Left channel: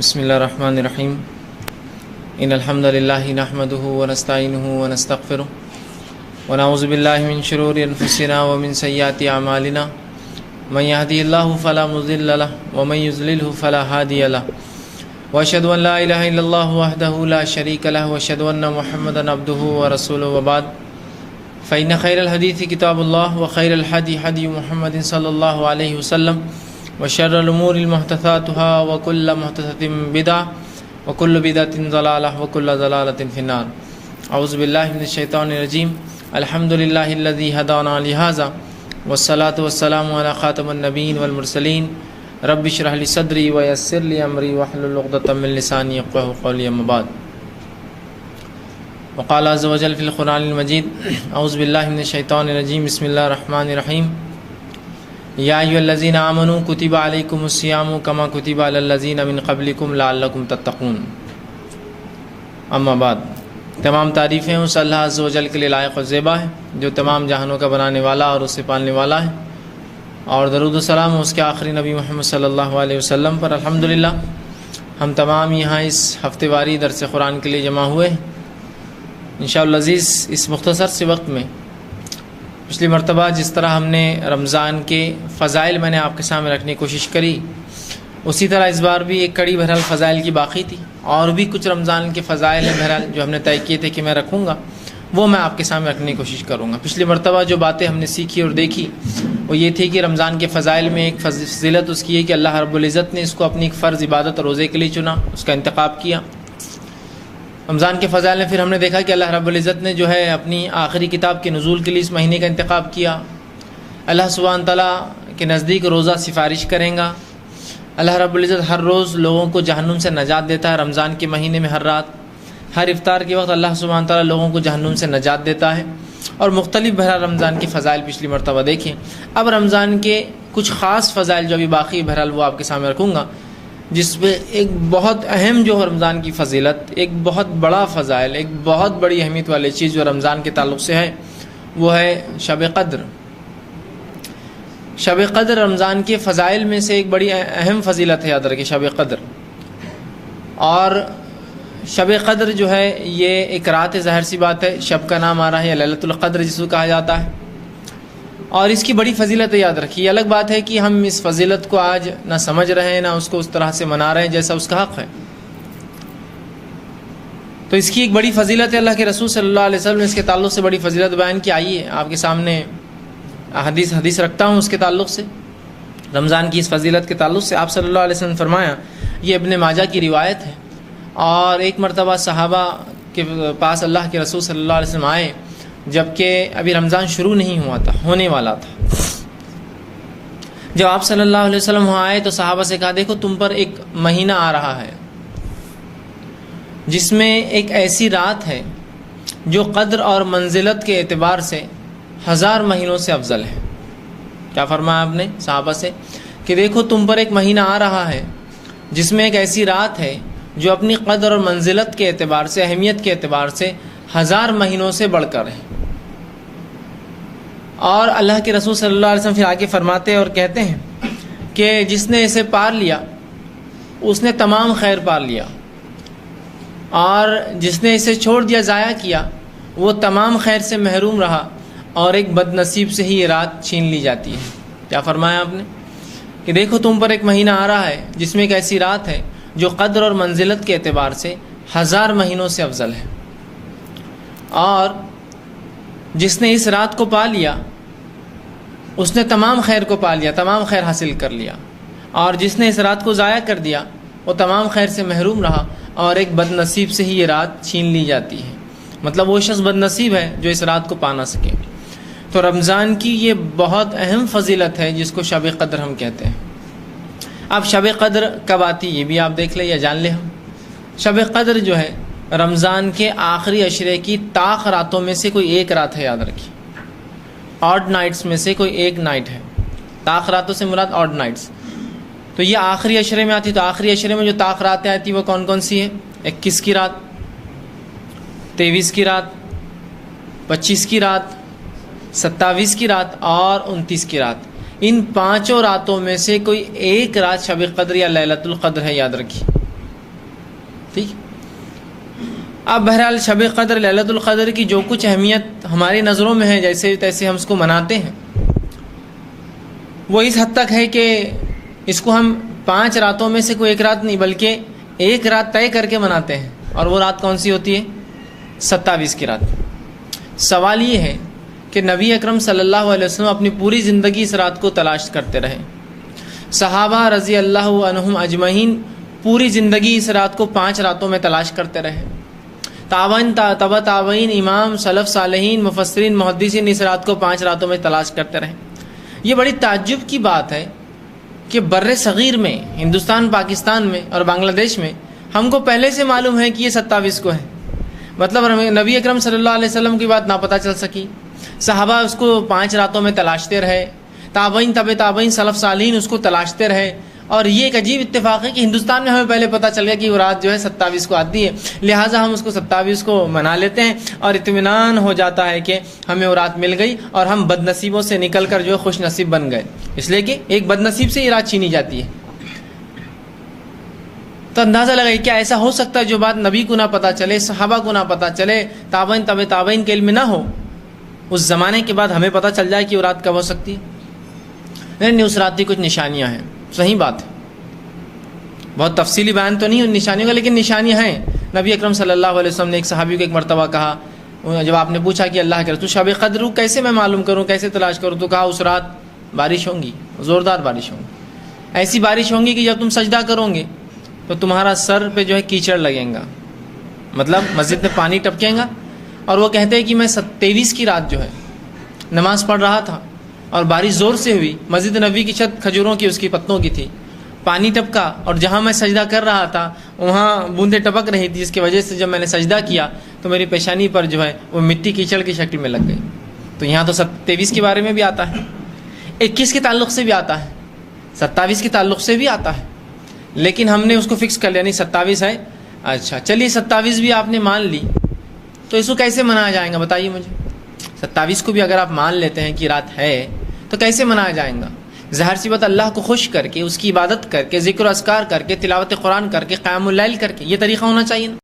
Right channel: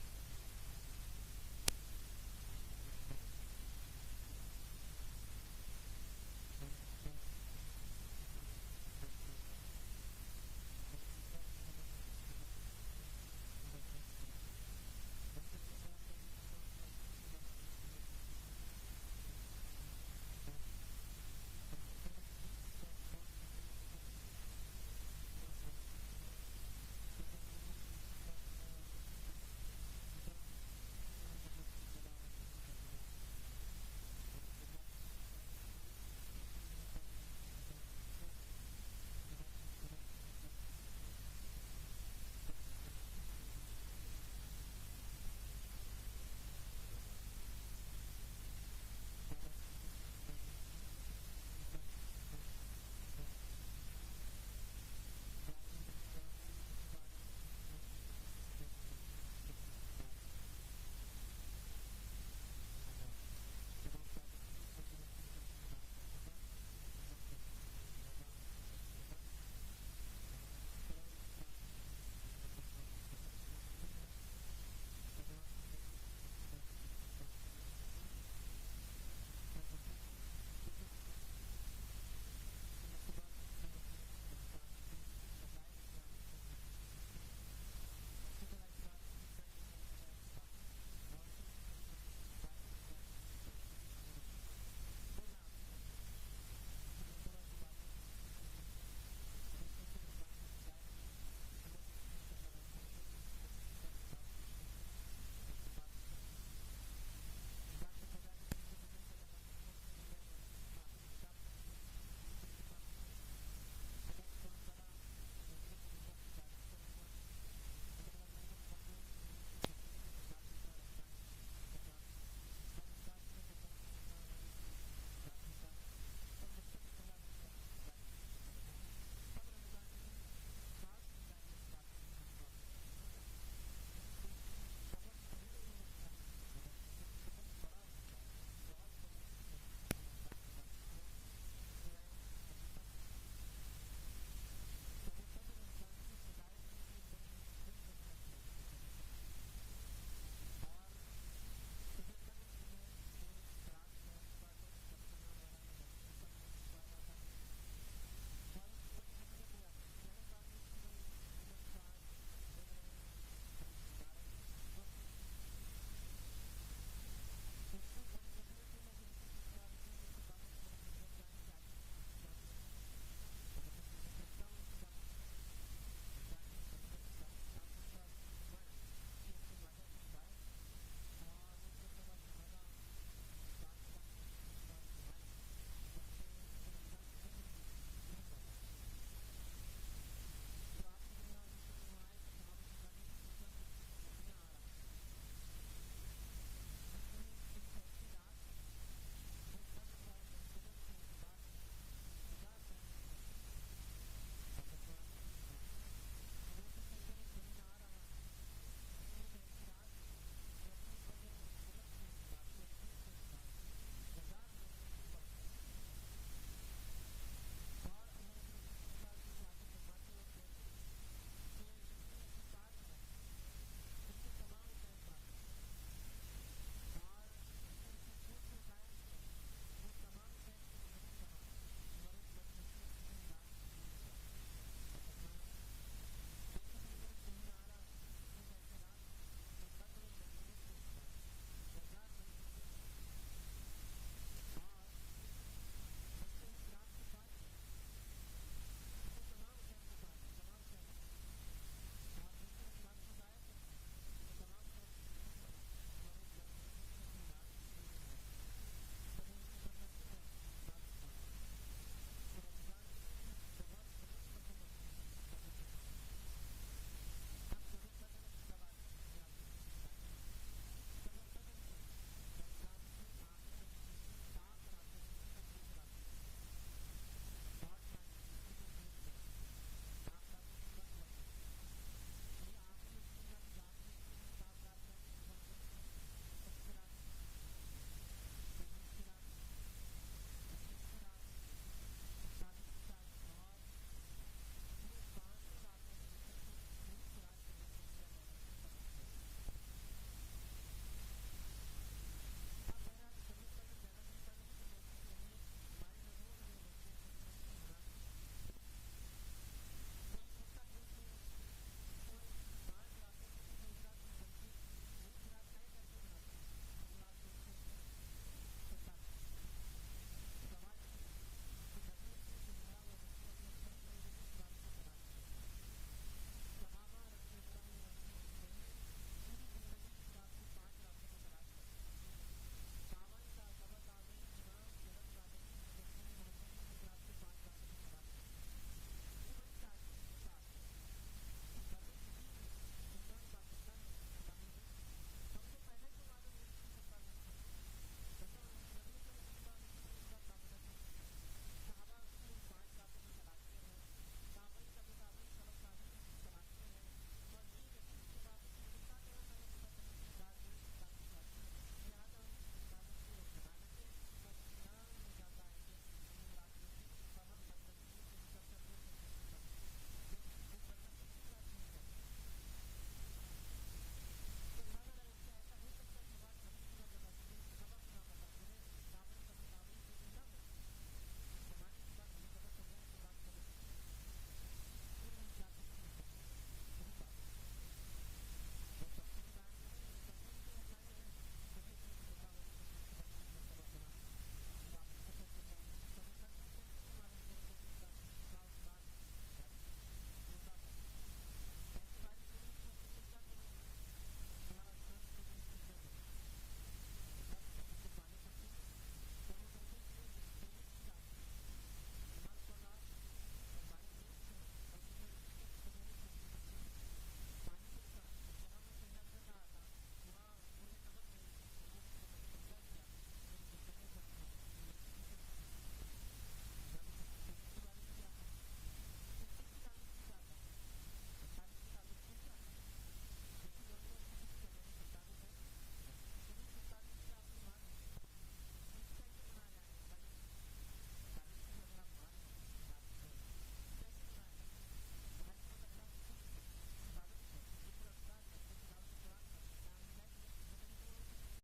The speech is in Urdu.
بسم اللہ الرحمن الرحیم ان الحمد للہ نحمده ونستعینه ونستغفره ونعوذ باللہ من شرور انفسنا ومن سیئات اعمالنا من يهده الله فلا مضل له ومن يضلل فلا هادي له واشهد ان لا اله الا الله وحده لا شريك له واشهد ان محمدا عبده ورسوله وبعد فإن خير الحديث كتاب الله وخير الهدي هدي محمد صلى الله عليه وسلم وشر الأمور محدثاتها وكل محدثة بدعة وكل بدعة ضلالة وكل ضلالة في النار. أعوذ بالله من الشيطان الرجيم. الحمد لله الذي هدانا لهذا والصلاة والسلام على خاتم النبيين والمرسلين. رب اشرح لي صدري ويسر لي أمري واحلل عقدة من لساني يفقهوا قولي. أما بعد. وقال عز وجل في القرآن المجيد أعوذ بالله من الشيطان الرجيم. بسم الله الرحمن الرحيم. یا ایھا الذین آمنوا کتب علیکم الصیام کما کتب علی الذین من قبلکم لعلکم تتقون. اما بعد، تمام تعریفیں اس اللہ عز و جل کے لیے لائق و زیبا ہے جو تمام جہانوں کا بنانے والا اور اسے پالنے والا ہے، اور درود و سلام اس کے آخری نبی محمد صلی اللہ علیہ وسلم پر. الحمدللہ ہم تمام یہاں اس ہفتے واری درس قرآن کے لیے جمع ہوئے ہیں. انشاءاللہ عزیز، اس مختصر سے وقت میں پچھلی مرتبہ جس طرح ہم نے رمضان کے فضائل میں نے آپ کے سامنے رکھنے کی کوشش کری، اسی طرح اس بار بھی ایک کڑی بہرحال فضائل کی باقی تھی، اور بھی کچھ رمضان کے فضائل ہیں بہرحال جو ہم نے طے کیے تھے کہ میں رکھوں گا، وہ میں آپ کے سامنے رکھنے کی کوشش کروں گا. پچھلی مرتبہ جو باتیں ہم نے سیکھی اور دیکھی وہ یہ تھی کہ رمضان کے فضائل میں ایک فضیلت اس کی ہے کہ اللہ رب العزت نے اس کو اپنی ایک فرض عبادت اور روزے کے لیے چنا، اس کا انتخاب کیا. رمضان کے فضائل میں پھر ہم نے دیکھا کہ اللہ رب العزت نے جو ہے اپنی آخری کتاب کے نزول کے لیے اس مہینے کا انتخاب کیا. اللہ سبحانہ تعالیٰ کے نزدیک روزہ سفارش کریں گا. اللہ رب العزت ہر روز لوگوں کو جہنم سے نجات دیتا ہے. رمضان کے مہینے میں ہر رات، ہر افطار کے وقت اللہ سبحانہ تعالیٰ لوگوں کو جہنم سے نجات دیتا ہے. اور مختلف بہرحال رمضان کے فضائل پچھلی مرتبہ دیکھیں. اب رمضان کے کچھ خاص فضائل جو ابھی باقی بہرحال وہ آپ کے سامنے رکھوں گا، جس میں ایک بہت اہم جو رمضان کی فضیلت، ایک بہت بڑا فضائل، ایک بہت بڑی اہمیت والی چیز جو رمضان کے تعلق سے ہے وہ ہے شب قدر. شب قدر رمضان کے فضائل میں سے ایک بڑی اہم فضیلت ہے، یاد رکھیں شب قدر. اور شب قدر جو ہے یہ ایک رات ہے، ظاہر سی بات ہے، شب کا نام آ رہا ہے، لیلۃ القدر جس کو کہا جاتا ہے، اور اس کی بڑی فضیلت ہے. یاد رکھیے، الگ بات ہے کہ ہم اس فضیلت کو آج نہ سمجھ رہے ہیں، نہ اس کو اس طرح سے منا رہے ہیں جیسا اس کا حق ہے. تو اس کی ایک بڑی فضیلت ہے. اللہ کے رسول صلی اللہ علیہ وسلم نے اس کے تعلق سے بڑی فضیلت بیان کی. آئیے آپ کے سامنے حدیث رکھتا ہوں اس کے تعلق سے، رمضان کی اس فضیلت کے تعلق سے. آپ صلی اللہ علیہ وسلم نے فرمایا، یہ ابن ماجہ کی روایت ہے، اور ایک مرتبہ صحابہ کے پاس اللہ کے رسول صلی اللہ علیہ وسلم آئے جبکہ ابھی رمضان شروع نہیں ہوا تھا، ہونے والا تھا. جب آپ صلی اللہ علیہ وسلم وہاں آئے تو صحابہ سے کہا، دیکھو تم پر ایک مہینہ آ رہا ہے جس میں ایک ایسی رات ہے جو قدر اور منزلت کے اعتبار سے 1000 مہینوں سے افضل ہے. کیا فرمایا آپ نے صحابہ سے کہ دیکھو تم پر ایک مہینہ آ رہا ہے جس میں ایک ایسی رات ہے جو اپنی قدر اور منزلت کے اعتبار سے، اہمیت کے اعتبار سے 1000 مہینوں سے بڑھ کر ہے. اور اللہ کے رسول صلی اللہ علیہ وسلم پھر آگے فرماتے اور کہتے ہیں کہ جس نے اسے پار لیا اس نے تمام خیر پار لیا، اور جس نے اسے چھوڑ دیا، ضائع کیا، وہ تمام خیر سے محروم رہا، اور ایک بد نصیب سے ہی یہ رات چھین لی جاتی ہے. کیا فرمایا آپ نے کہ دیکھو تم پر ایک مہینہ آ رہا ہے جس میں ایک ایسی رات ہے جو قدر اور منزلت کے اعتبار سے 1000 مہینوں سے افضل ہے، اور جس نے اس رات کو پا لیا اس نے تمام خیر کو پا لیا، تمام خیر حاصل کر لیا، اور جس نے اس رات کو ضائع کر دیا وہ تمام خیر سے محروم رہا، اور ایک بد نصیب سے ہی یہ رات چھین لی جاتی ہے. مطلب وہ شخص بد نصیب ہے جو اس رات کو پا نہ سکے. تو رمضان کی یہ بہت اہم فضیلت ہے جس کو شب قدر ہم کہتے ہیں. اب شب قدر کب آتی یہ بھی آپ دیکھ لیں یا جان لیں. ہم شب قدر جو ہے رمضان کے آخری عشرے کی طاق راتوں میں سے کوئی ایک رات ہے. یاد رکھیے، آڈ نائٹس میں سے کوئی ایک نائٹ ہے. طاق راتوں سے مراد آڈ نائٹس. تو یہ آخری عشرے میں آتی. تو آخری عشرے میں جو طاق راتیں آتی وہ کون کون سی ہیں؟ 21 کی رات، 23 کی رات، 25 کی رات، 27 کی رات اور 29 کی رات. ان 5 راتوں میں سے کوئی ایک رات شب قدر یا لیلۃ القدر ہے. یاد رکھیے، ٹھیک. اب بہرحال شب قدر لیلۃ القدر کی جو کچھ اہمیت ہماری نظروں میں ہے جیسے تیسے ہم اس کو مناتے ہیں، وہ اس حد تک ہے کہ اس کو ہم 5 راتوں میں سے کوئی ایک رات نہیں بلکہ ایک رات طے کر کے مناتے ہیں. اور وہ رات کون سی ہوتی ہے؟ 27 کی رات. سوال یہ ہے کہ نبی اکرم صلی اللہ علیہ وسلم اپنی پوری زندگی اس رات کو تلاش کرتے رہے. صحابہ رضی اللہ عنہم اجمعین پوری زندگی اس رات کو 5 راتوں میں تلاش کرتے رہے. تابعین تبع تابعین امام سلف صالحین مفسرین محدثین اس رات کو 5 راتوں میں تلاش کرتے رہے. یہ بڑی تعجب کی بات ہے کہ بر صغیر میں، ہندوستان، پاکستان میں اور بنگلہ دیش میں ہم کو پہلے سے معلوم ہے کہ یہ 27 کو ہے. مطلب نبی اکرم صلی اللہ علیہ وسلم کی بات نہ پتہ چل سکی، صحابہ اس کو 5 راتوں میں تلاشتے رہے، تابعین تبع تابعین سلف صالحین اس کو تلاشتے رہے. اور یہ ایک عجیب اتفاق ہے کہ ہندوستان میں ہمیں پہلے پتہ چل گیا کہ وہ رات جو ہے 27 کو آتی ہے، لہٰذا ہم اس کو 27 کو منا لیتے ہیں اور اطمینان ہو جاتا ہے کہ ہمیں وہ رات مل گئی اور ہم بد نصیبوں سے نکل کر جو ہے خوش نصیب بن گئے، اس لیے کہ ایک بد نصیب سے یہ رات چھینی جاتی ہے. تو اندازہ لگائیے کیا ایسا ہو سکتا ہے جو بات نبی کو نہ پتہ چلے، صحابہ کو نہ پتہ چلے، تابعین تبع تابعین کے علم نہ ہو، اس زمانے کے بعد ہمیں پتہ چل جائے کہ وہ رات کب ہو سکتی ہے؟ نہیں، اس رات کی کچھ نشانیاں ہیں. صحیح بات ہے، بہت تفصیلی بیان تو نہیں ان نشانیوں کا، لیکن نشانیاں ہیں. نبی اکرم صلی اللہ علیہ وسلم نے ایک صحابی کو ایک مرتبہ کہا، جب آپ نے پوچھا کہ اللہ کے رسول شب قدر کیسے میں معلوم کروں، کیسے تلاش کروں، تو کہا اس رات بارش ہوں گی، زوردار بارش ہوں گی، ایسی بارش ہوں گی کہ جب تم سجدہ کرو گے تو تمہارا سر پہ جو ہے کیچڑ لگیں گا، مطلب مسجد میں پانی ٹپکیں گا. اور وہ کہتے ہیں کہ میں 23 کی رات جو ہے نماز پڑھ رہا تھا اور بارش زور سے ہوئی، مسجد نبی کی چھت کھجوروں کی، اس کی پتوں کی تھی، پانی ٹپکا اور جہاں میں سجدہ کر رہا تھا وہاں بوندیں ٹپک رہی تھی، جس کی وجہ سے جب میں نے سجدہ کیا تو میری پیشانی پر جو ہے وہ مٹی کیچڑ کی شکل میں لگ گئی. تو یہاں تو 23 کے بارے میں بھی آتا ہے، 21 کے تعلق سے بھی آتا ہے، 27 کے تعلق سے بھی آتا ہے، لیکن ہم نے اس کو فکس کر لیا نہیں 27 ہے. اچھا چلیے 27 بھی آپ نے مان لی تو اس کو کیسے منایا جائے گا بتائیے مجھے. 27 کو بھی اگر آپ مان لیتے ہیں کہ رات ہے تو کیسے منایا جائے گا؟ ظاہر سی بات اللہ کو خوش کر کے، اس کی عبادت کر کے، ذکر و اذکار کر کے، تلاوت قرآن کر کے، قیام اللیل کر کے، یہ طریقہ ہونا چاہیے نا.